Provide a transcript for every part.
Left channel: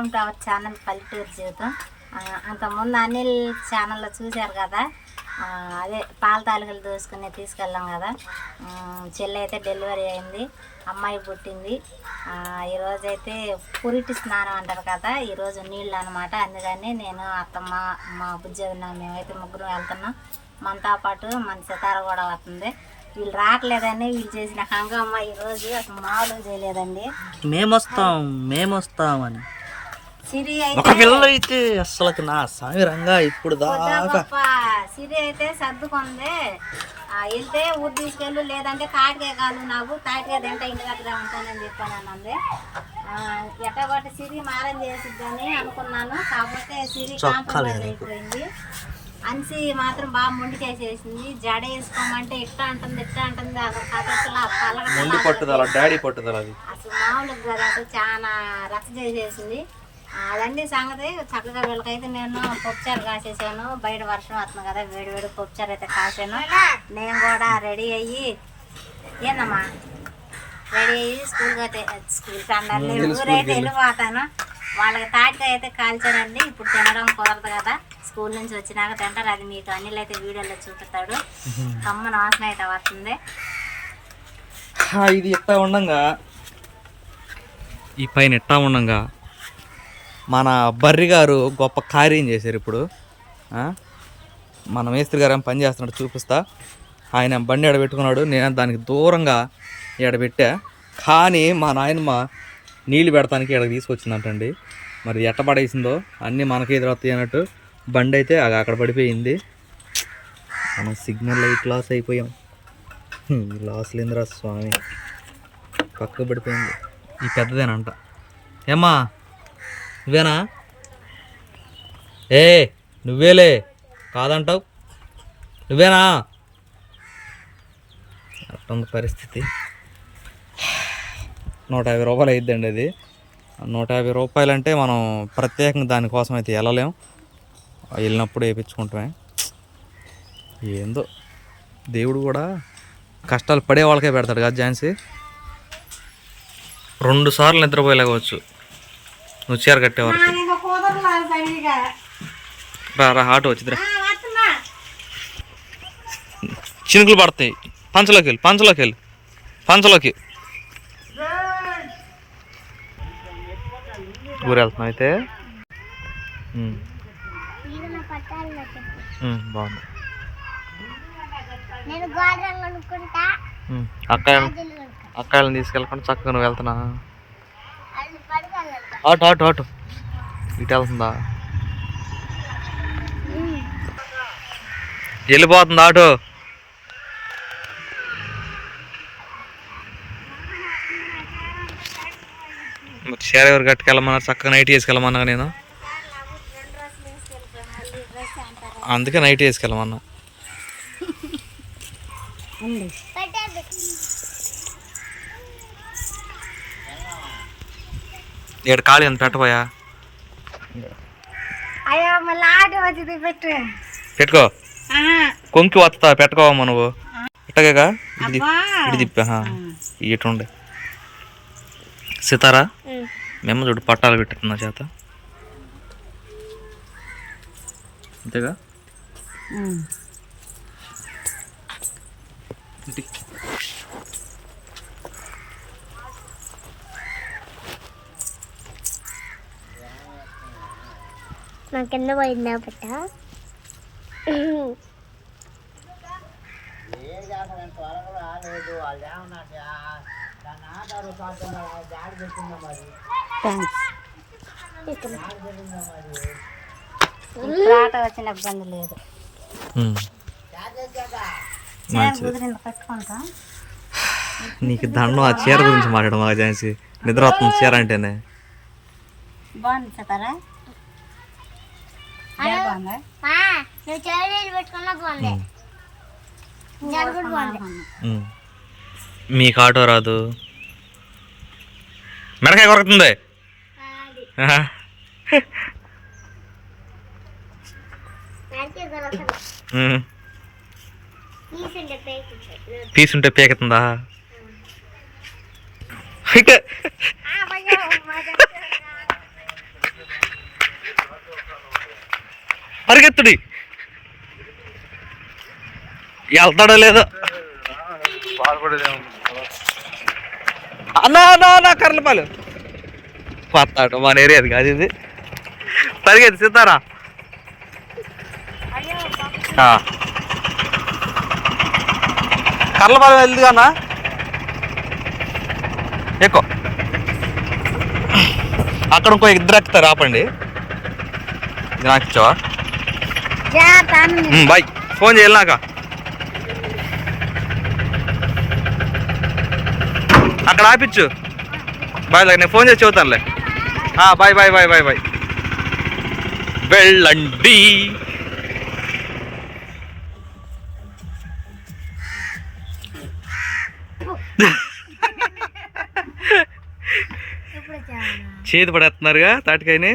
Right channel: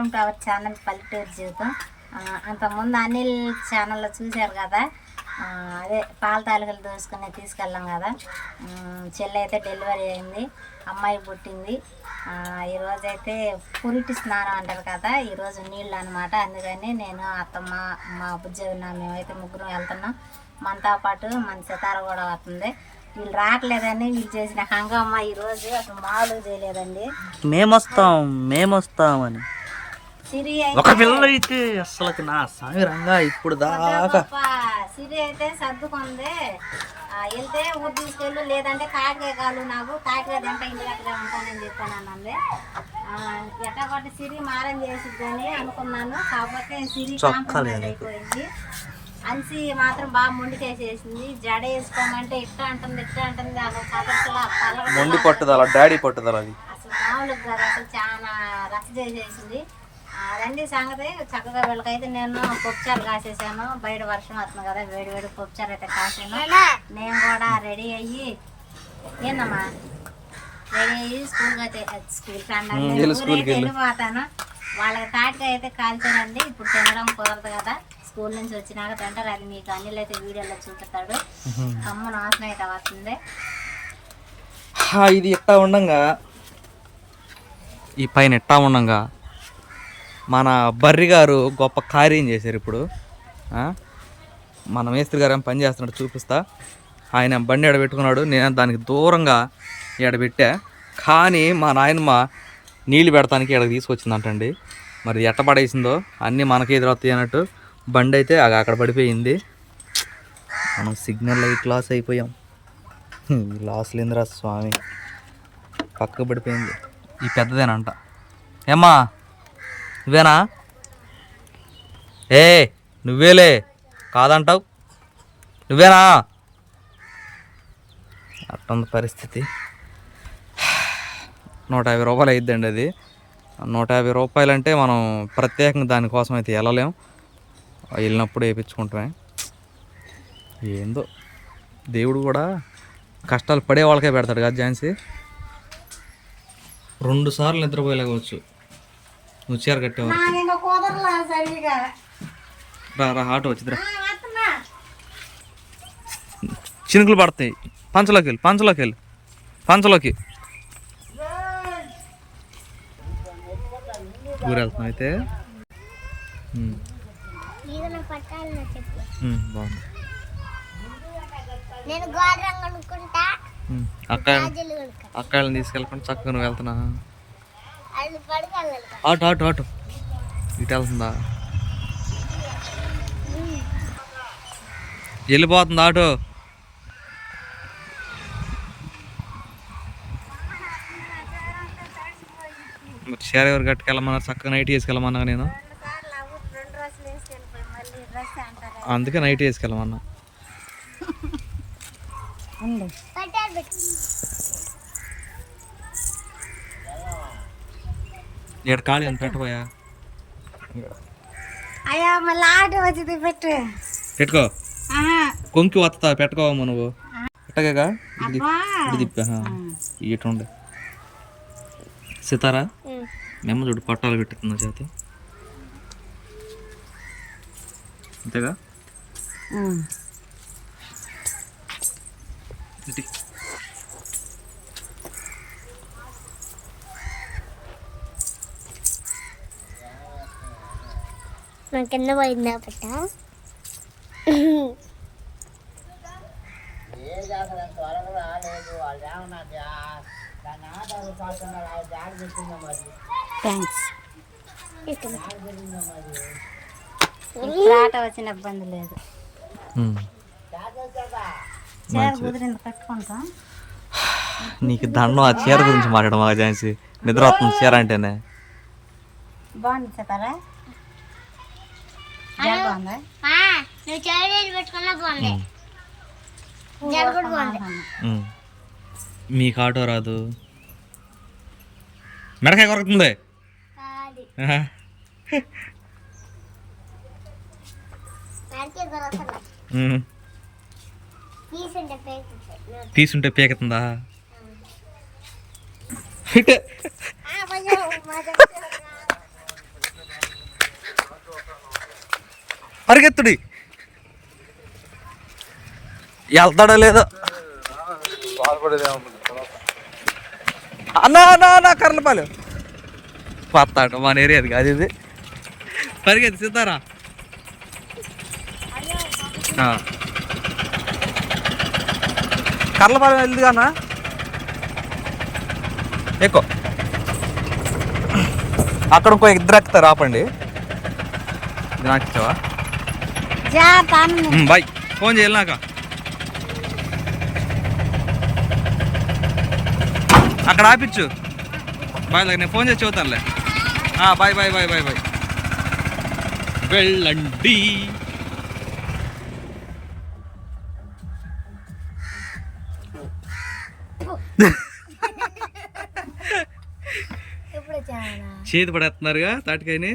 Welcome to our channel పల్లెటూరు జీవితం. అంతకుముందు అనిల్ ఛానల్లో చూశారు కదా అదే పాల తాలూకలు దోసుకుని తీసుకెళ్ళాం కదా. చెల్లి అయితే డెలివరీ అయింది అమ్మాయి పుట్టింది. ఈరోజైతే ఈరోజు అయితే పురిటి స్నానం అంటారు కదా ఈరోజు నీళ్ళు అనమాట అందుకని నేను అత్తమ్మ మా బుజ్జన్న మేమైతే ముగ్గురు వెళ్తున్నాం. మనతో పాటు మన సితార కూడా వస్తుంది. వీళ్ళు రావట్లేదని వీళ్ళు చేసిన హంగామా ఈరోజు అసలు మామూలుగా చేయలేదండి. మేమొస్తాం మేమొస్తామని. అని ఒక పిల్ల అయితే అసలు నా సామిరంగా ఇప్పుడు దాకా సిరి అయితే సర్దుకుంది. ఆ, వెళ్తే ఊరు తీసుకెళ్ళు లేదంటే తాటికాయ కాదు నాకు తాటికాయ తింటా ఇంటి దగ్గర ఉంటానని చెప్పాను అన్నది ఎట్టగొట్టి సిరి మారం చేసిద్దని అనుకున్నాను. కాకపోతే సిరి కాంప్రమైజ్ అయిపోయింది. అన్సి మాత్రం బాగా మొండికేసేసింది. జడ వేసుకోమంటే ఇట్ట అంటుంది ఇట్ట అంటుంది. అసలు కథలా మొండి పట్టుదల డాడీ పట్టుదల అది. అసలు మామూలుగా అసలు చాలా రచ్చ చేసేసింది. అదండి సంగతి. చక్కగా వీళ్ళకైతే నేను పప్పుచారు కాసేసాను. బయట వర్షం వస్తుంది కదా వేడి వేడి పప్పుచారు అయితే కాసాను. నేను కూడా రెడీ అయ్యి ఏందమ్మా? రెడీ అయ్యి స్కూల్కి అయితే స్కూల్ కండాలి ఊరైతే వెళ్ళిపోతాను. వాళ్ళకి తాటికాయ అయితే కాల్చారండి ఇప్పుడు తినడం కుదరదు కదా. స్కూల్ నుంచి వచ్చినాక తింటారు. అది మీకు అనిల్ అయితే వీడియోలో చూపిస్తాడు. కమ్మ నాశనం అయితే వస్తుంది. ఇది ఎట్టా ఉండంగా? ఈ పైన ఎట్టా ఉండంగా? మన బర్రి గారు గొప్ప కార్యం చేశారు ఇప్పుడు. మన మేస్త్రి గారు పని చేస్తున్నాడు చూపిస్తా. ఆయన బండి ఎడబెట్టుకున్నాడు నేను దానికి దూరంగా ఎడబెట్టా కానీ మా నాయనమ్మ నీళ్ళు పెడతానికి ఇక్కడ తీసుకొచ్చిందంటండి. మరి ఎట్ట పడేసిందో అన్నీ మనకే ఎదురవుతాయి అన్నట్టు బండి అయితే అగ- అక్కడ పడిపోయింది. మనం సిగ్నల్ లైట్ లాస్ అయిపోయాం. లాస్ లేదురా స్వామి. పక్కకు పడిపోయింది. ఈ పెద్దదేనంట. ఏమ్మా? నువ్వేనా ఏ నువ్వేలే కాదంటావు? నువ్వేనా? అట్టుంది పరిస్థితి. నూట యాభై రూపాయలు అయిద్దండి అది. నూట యాభై రూపాయలు అంటే మనం ప్రత్యేకంగా దానికోసం అయితే వెళ్ళలేం. వెళ్ళినప్పుడు వేయించుకుంటామే. ఏందో దేవుడు కూడా కష్టాలు పడే వాళ్ళకే పెడతాడు కదా ఝాన్సీ? రెండు సార్లు నిద్రపోయలేకపోవచ్చు నువ్వు చీర కట్టేవారు. రా రా ఆటో వచ్చిద్రా చినుకులు పడతాయి. పంచలోకి వెళ్ళి పంచలోకి వెళ్ళి. పంచలోకి. ఊరు వెళ్తున్నాం అయితే బాగుంది. నేను గోడ రంగు అనుకుంటా ఉమ్, అక్కాయలు అక్కాయలను తీసుకెళ్ళకుండా చక్కగా నువ్వు వెళ్తున్నా ఆటో ఆటో ఆటో. ఇటు వెళ్తుందా? వెళ్ళిపోతుంది ఆటో. మరి షేర్ ఎవరు కట్టుకెళ్ళమన్నారు చక్కగా నైట్ వేసుకెళ్ళమన్నా నేను. అందుకే నైట్ వేసుకెళ్ళమన్నా. ఇక్కడ ఖాళీ అంత పెట్టబోయా? అయ్యో మళ్ళీ ఆటో వచ్చింది పెట్టు. పెట్టుకో. కొంకి వస్తా పెట్టుకోవమ్మా నువ్వు. అబ్బా. ఇటు తిప్పా ఇటు ఉండే. సితారా? మేము చూడు పట్టాలు పెట్టుకున్నా చేత. అంతేగా? ఉమ్. ఇటు. నా కింద పోయిందా పట్ట థ్యాంక్స్ ఆటో వచ్చిన ఇబ్బంది లేదు. నీకు దండం ఆ చీర గురించి మాట్లాడడం మా ఝాన్సీ? నిద్ర వస్తుంది చీర అంటేనే. బాగుంది చెతారా జడ బాగుందా? మా, నువ్వు చెవులు పెట్టుకున్నా బాగుంది. జడ కూడా బాగుంది. ఉమ్. మీకు ఆటో రాదు. మెడకాయ కొరకుతుంది. తీసుంటే పీకుతుందా ఇక. పరిగెత్తుడి. వెళ్తాడో లేదో. అన్నా అన్నా అన్నా కర్లపాలు మన ఏరియాది కాదు ఇది. పరిగెత్తి సితారా కర్లపాలెం వెళ్దు కానా ఎక్కువ. అక్కడ ఇంకో ఇద్దరు ఎక్కుతారు ఆపండి. నాకు ఇచ్చావా? బాయ్. ఫోన్ చేయాలి నాక? అక్కడ ఆపిచ్చు బాయ్ నేను ఫోన్ చేసి చెబుతానులే. Bye bye bye bye bye. వెళ్ళండి. చేతి పడేస్తున్నారుగా తాటికాయని?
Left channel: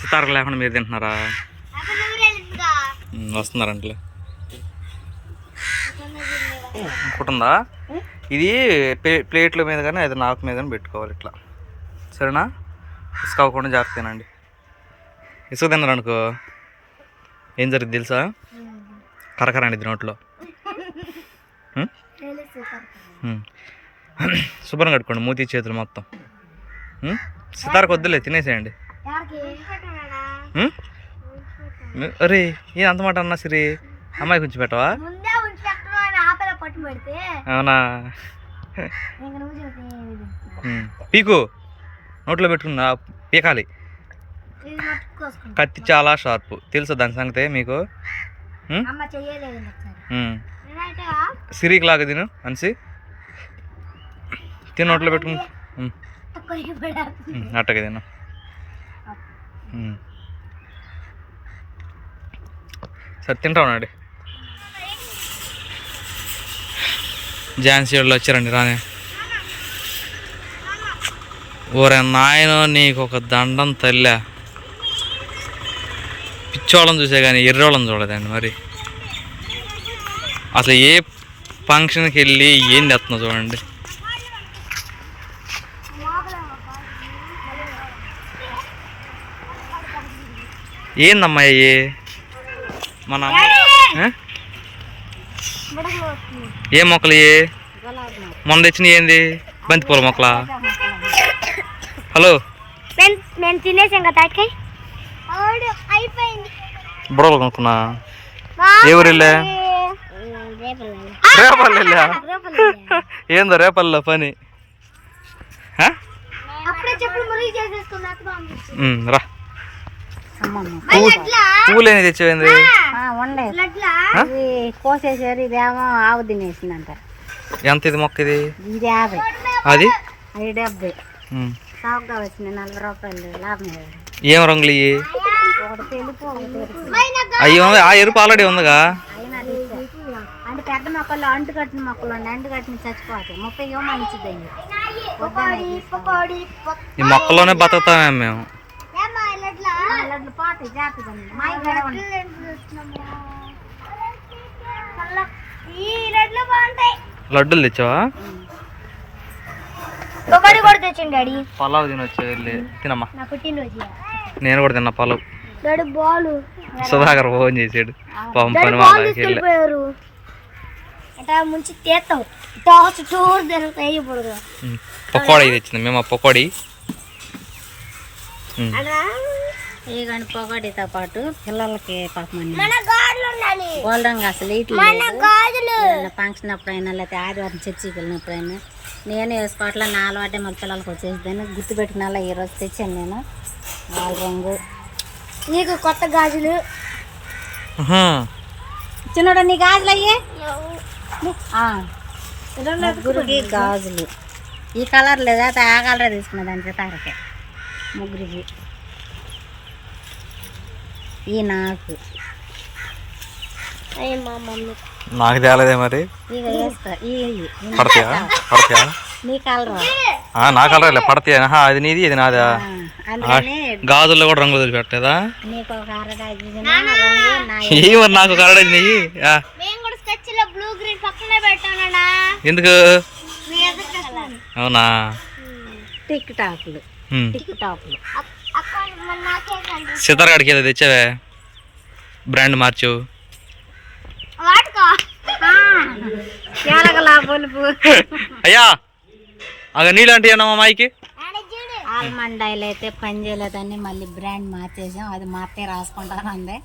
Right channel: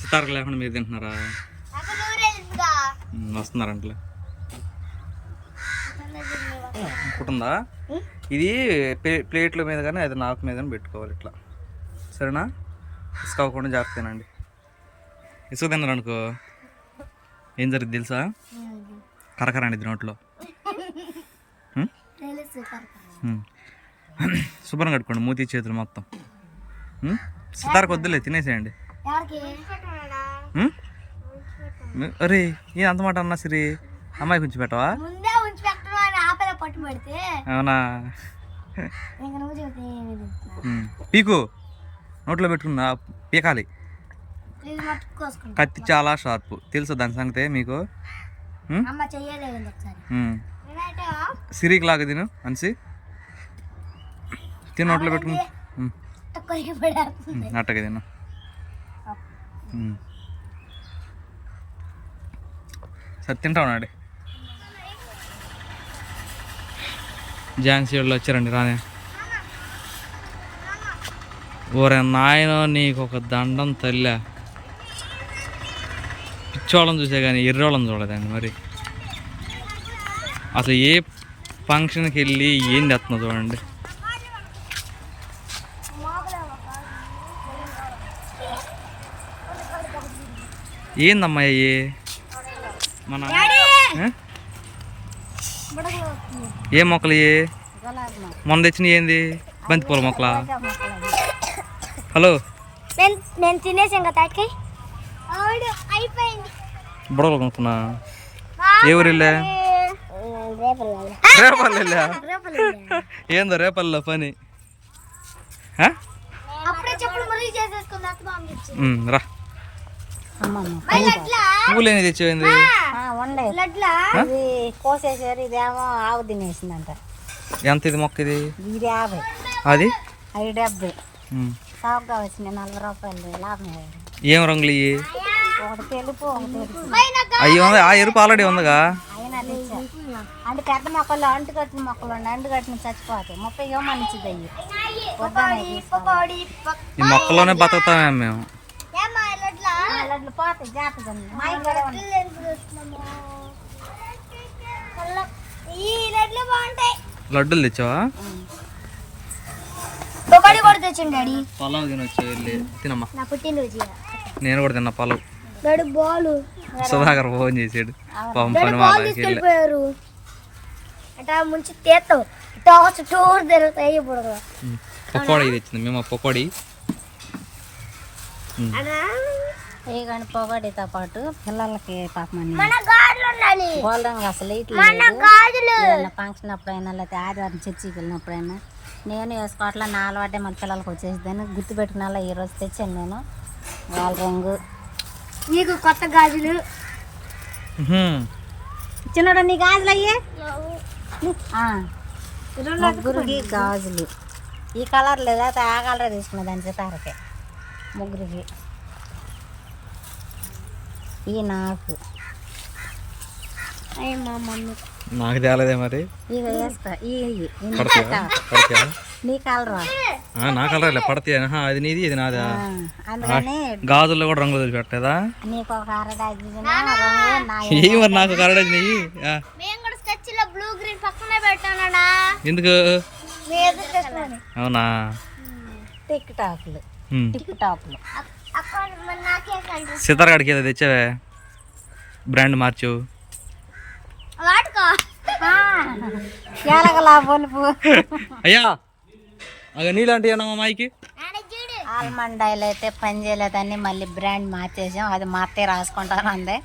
సితారకు లేకుండా మీరు తింటున్నారా? వస్తున్నారంటలే. అనుకుంటుందా ఇది ప్లే ప్లేట్ల మీద కానీ అది నాకు మీద కానీ పెట్టుకోవాలి ఇట్లా. సరేనా? ఇసుక అవ్వకుండా జాగ్రత్త తినండి. ఇసుక తిన్నారు అనుకో ఏం జరుగుతుంది తెలుసా? కరకరండి నోట్లో. శుభ్రం కట్టుకోండి మూతి చేతులు మొత్తం? సితారకు వద్దులే తినేసేయండి. అరే ఏ అంత మాట అన్నా సిరి? అమ్మాయి కొంచెం పెట్టవా? అవునా. పీకు. నోట్లో పెట్టుకున్నా పీకాలి. కత్తి చాలా షార్ప్. తెలుసు దాని సంగతే మీకు. సిరికి లాగా తిను అనిసి. తిని నోట్లో పెట్టుకుని. అట్టగా తిను. సరే తింటా ఉన్నాడు ఝాన్సీ వాళ్ళు వచ్చారండి రానే. ఓరే నాయన నీకు ఒక దండం తల్లా. పిచ్చోళ్ళం చూసే కానీ ఎర్రోళ్ళని చూడదండి మరి. అసలు ఏ ఫంక్షన్కి వెళ్ళి ఏం తెస్తున్నా చూడండి. ఏందమ్మా అయ్యే మన? ఏ? మొక్కలు ఇవి మొన్న తెచ్చినవి ఏంది? బంతిపూల మొక్కలా? హలో? నేను తినేసాం కదా బుడవలు కొనుక్కున్నా. ఏ ఊరు వెళ్ళా రేపల్లి వెళ్ళా ఏందో రేపల్లో పని. రా. పువ్వులు ఏమి కోసేసారు ఇదేమో ఆవు తినేసిందంట. ఎంత ఇది మొక్క ఇది ఇది యాభై. అది? అవి డెబ్బై ఉమ్. చౌకగా వచ్చినాయి నలభై రూపాయలు లాభం ఏం రంగులు ఇవి ఉంది ఆ ఎరుపు ఆల్రెడీ ఉందిగా. అంటే పెద్ద మొక్కలు అంటు కట్టిన మొక్కలు ఉన్నాయి అంటు కట్టిన చచ్చిపోతాయి. ముప్పై ఏమో మంచిది అయ్యి. ఈ మొక్కలోనే బతుకుతామే మేము. పోతాయి ఉంది. మా ఇంట్లో ఉంది. ఈ లడ్లు బాగుంటాయి లడ్డూలు తెచ్చావా? పకోడీ కూడా తెచ్చండి డాడీ. పలావ్ తినొచ్చు వెళ్ళి? తినమ్మా. నా పుట్టినరోజు నేను కూడా తిన్నా పలావ్. డాడీ బాలు. సుధాకర్ ఫోన్ చేసాడు. పాపం పని వాళ్ళకి ముంచి తీస్తాం. టాస్ టూర్ తిరుగుతాయి ఇప్పుడు. కదా ఉమ్. పకోడీ తెచ్చింది. మేము ఆ పకోడీ. ఉమ్. ఏ కానీ పొగడితో పాటు పిల్లలకి పాపం మన గాజులు ఉండాలి గోల్డెన్ అసలు ఇట్లు గాజులు. ఫంక్షన్ అప్పుడైనా లేకపోతే ఆదివారం చర్చికి వెళ్ళినప్పుడైనా. నేను వేసుకోవట్లే నా అలవాటే మళ్ళీ పిల్లలకి వచ్చేసిందని గుర్తుపెట్టిన అలా ఈ రోజు తెచ్చాను నేను. వాళ్ళ రంగు. నీకు కొత్త గాజులు. చిన్నోడు నీ గాజులు అయ్యే? ముగ్గురికి గాజులు. ఈ కలర్ లేదా. ఆ కలర్ తీసుకున్నది అంతే తారకే ముగ్గురికి. ఈ నాకు. నాకు తేలేదే మరి. పడతాయా? పడతాయా? నీ కలర్? ఆ, నా కలర్ పడతాయా? అది నీది ఇది నాదా? గాజుల్లో కూడా రంగులు వదిలిపెట్టలేదా? నీకు ఒక అరడాజీ రంగు నా ఏ మరి నాకు కలర్ నెయ్యి లో పెట్టానన్నా ఎందుకు? అవునా? టిక్ టాక్లు. టిక్ టాక్లు. తెచ్చావే? బ్రాండ్ మార్చు. వాడుకో. బొలుపు. అయ్యా అగ నీళ్ళంటే మా మాయికి? ఆడ చూడు. ఆల్మండ్ ఆయిల్ అయితే పని చేయలేదని మళ్ళీ బ్రాండ్ మార్చేసాం అది మా అత్తయ్య రాసుకుంటాను అందే.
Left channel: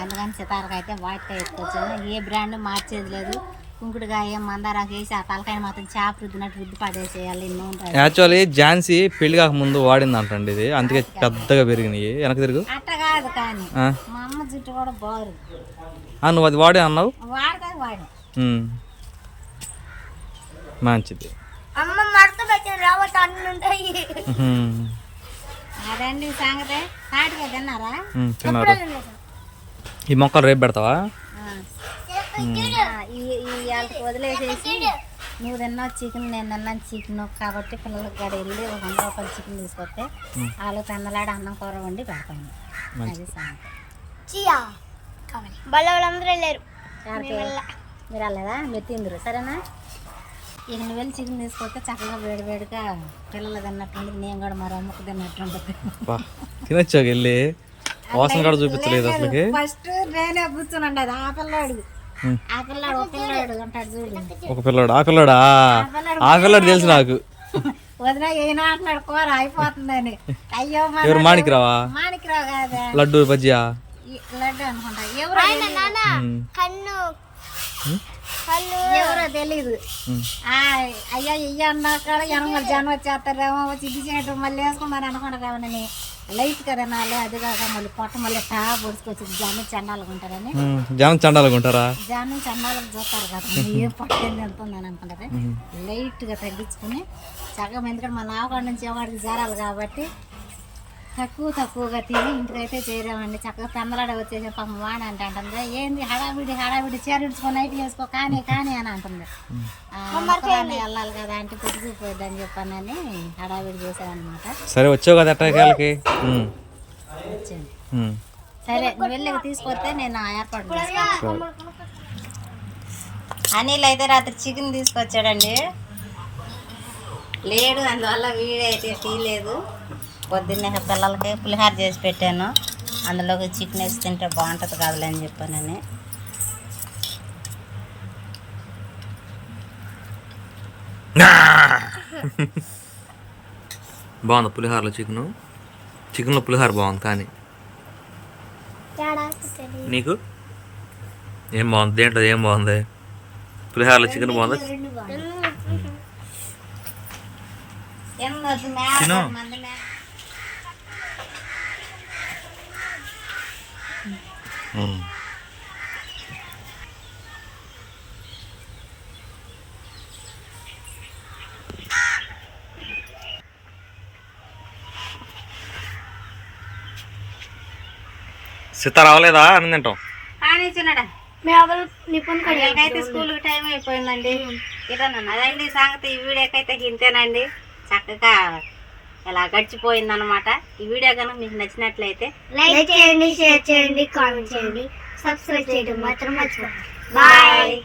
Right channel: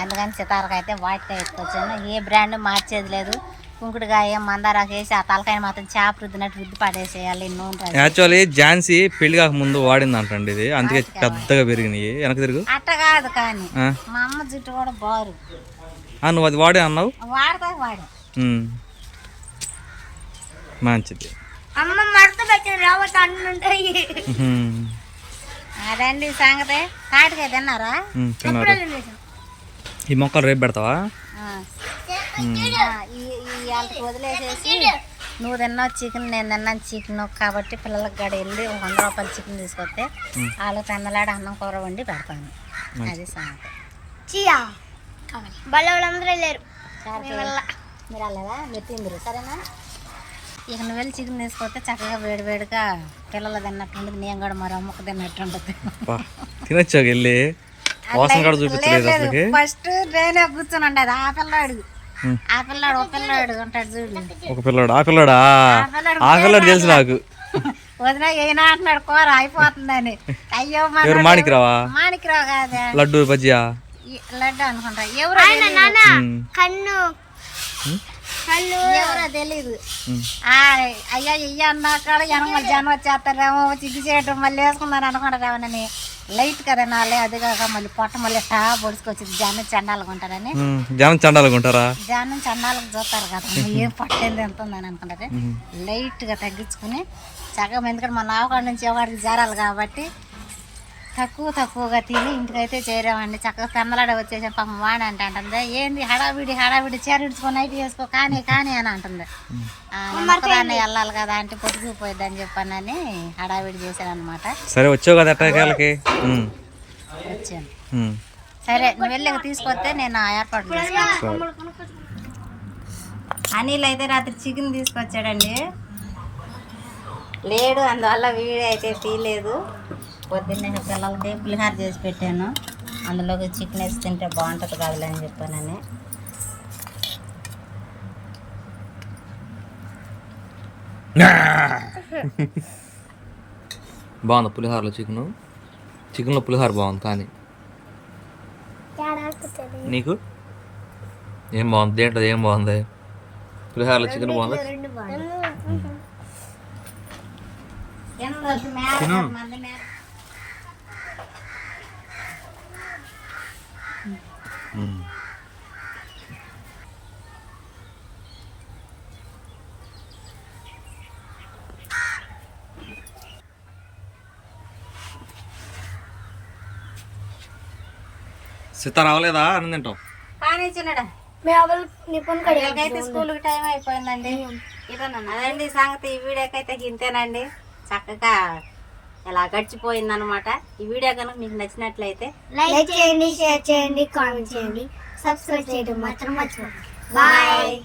అందుకని సితారకు అయితే వాటికాయ ఎత్తుకొచ్చాను. ఏ బ్రాండ్ మార్చేది లేదు. కుంకుడుకాయ మందారాకు వేసి ఆ తలకాయ మాత్రం చేప రుద్దినట్టు రుద్ది పడేసేయాలి నూనె. యాక్చువల్లీ ఝాన్సీ పెళ్ళి కాక ముందు వాడింది అంటండి ఇది అందుకే పెద్దగా పెరిగినాయి. వెనక తిరుగు. అట్ట కాదు కానీ. మా అమ్మ జుట్టు కూడా బారు. నువ్వు అది వాడే అన్నావు? వాడతా వాడు. ఉమ్. మంచిది. అమ్మ మడత పెట్టిన రావట్ అన్ని ఉంటాయి. ఉహుం. అదండి సంగతి. కాటికాయ తిన్నారా? ఈ మొక్కలు రేపు పెడతావా? వదిలేసేసి నువ్వు తిన్నావు చికెన్ నేను తిన్నాను చికెన్. కాబట్టి పిల్లలకి గడ వెళ్ళి ఒక వంద రూపాయలు చికెన్ తీసుకొస్తే వాళ్ళు పెందలాడి అన్నం కూర వండి పెడతాను. అది సంగతి. బల్ల వాళ్ళందరూ వెళ్ళారు మీరు వెళ్ళదా మీరు తిందరు. సరేనా? ఇక నువ్వు వెళ్ళి చికెన్ తీసుకొస్తే చక్కగా వేడి వేడిగా పిల్లలు తిన్నట్టుంటుంది. నేను కూడా మరో అమ్మకు తిన్నట్టు ఉంటుంది. బా తినొచ్చాక వెళ్ళి. వాసన కూడా చూపించలేదు అసలుకి. ఫస్ట్ నేనే కూర్చొని ఉండేది. ఆ పిల్లాడు. ఆ పిల్లాడు ఒక పిల్లాడు ఉంటాడు చూడు. ఒక పిల్లడు. ఆ పిల్లడా? ఆ పిల్లడు తెలుసు నాకు. వదిన ఏనా అంటున్నాడు కూర అయిపోతుందని. అయ్యో మాణిక్రావా మాణిక్రావు కాదే. లడ్డు బజ్జియా? లడ్డు అనుకుంటా. ఎవరో ఉమ్. కన్ను. కన్ను. ఎవరో. ఆ, అయ్యా ఇయ్య అన్నాక ఎనమల జనం వచ్చేస్తారేమో వచ్చి ఇది చేయటం మళ్ళీ వేసుకున్నారు అనుకుంటారేమోనని లైట్ కదా నాలే అది కాక మళ్ళీ పొట్ట మళ్ళీ టా పొడుచుకొచ్చింది. జనం చండాలకు ఉంటారని. జనం చండాలుగా ఉంటారా? జనం చండాలకు చూస్తారు కదా ఏం పట్టేది ఎంత ఉందని అనుకుంటారు. లైట్గా తగ్గించుకుని సగం ఎందుకంటే మన ఆవకాడ నుంచి ఒకటికి జారాలి కాబట్టి తక్కువ తక్కువగా తిని ఇంటికైతే చేరామండి. చక్కగా పెందలాడ వచ్చేసాం పాపం వాడి అంటే అంటుంది ఏంది హడావిడి హడావిడి చీర ఇడ్చుకొని నైట్ వేసుకో కానీ కానీ అని అంటుంది. ఒక్కదాన్నే వెళ్ళాలి కదా అంటే పొట్టుకుపోయిద్ది అని చెప్పానని హడావిడి చేశాను అనమాట సరే వచ్చావు కదా. వచ్చాను. సరే నువ్వు వెళ్ళి తీసుకొస్తే నేను ఆ ఏర్పాటు సరే. అనిల్ అయితే రాత్రి చికెన్ తీసుకొచ్చాడండి. లేడు అందువల్ల వీడియో అయితే తీయలేదు. పొద్దున్నే పిల్లలకి పులిహార చేసి పెట్టాను. అందులోకి చికెన్ వేసి తింటే బాగుంటుంది కాదులే అని చెప్పానని. బాగుంది పులిహోరలో చికెన్? చికెన్లో పులిహోర బాగుంది కానీ. నీకు? ఏం బాగుంది? దేంట్లో ఏం బాగుంది? పులిహోరలో చికెన్ బాగుంది? తిను. సీత రావలేదా? అని తింటాం. పిల్లలకైతే స్కూల్కి టైం అయిపోయిందండి. ఇదన్నా అదండి సంగతి? ఈ వీడియోకైతే ఇంతేనండి. చక్కగా ఇలా గడిచిపోయిందనమాట ఈ వీడియో కనుక మీకు నచ్చినట్లయితే లైక్ చేయండి షేర్ చేయండి కామెంట్ చేయండి. సబ్స్క్రైబ్ చేయడం మాత్రం మర్చిపోండి బాయ్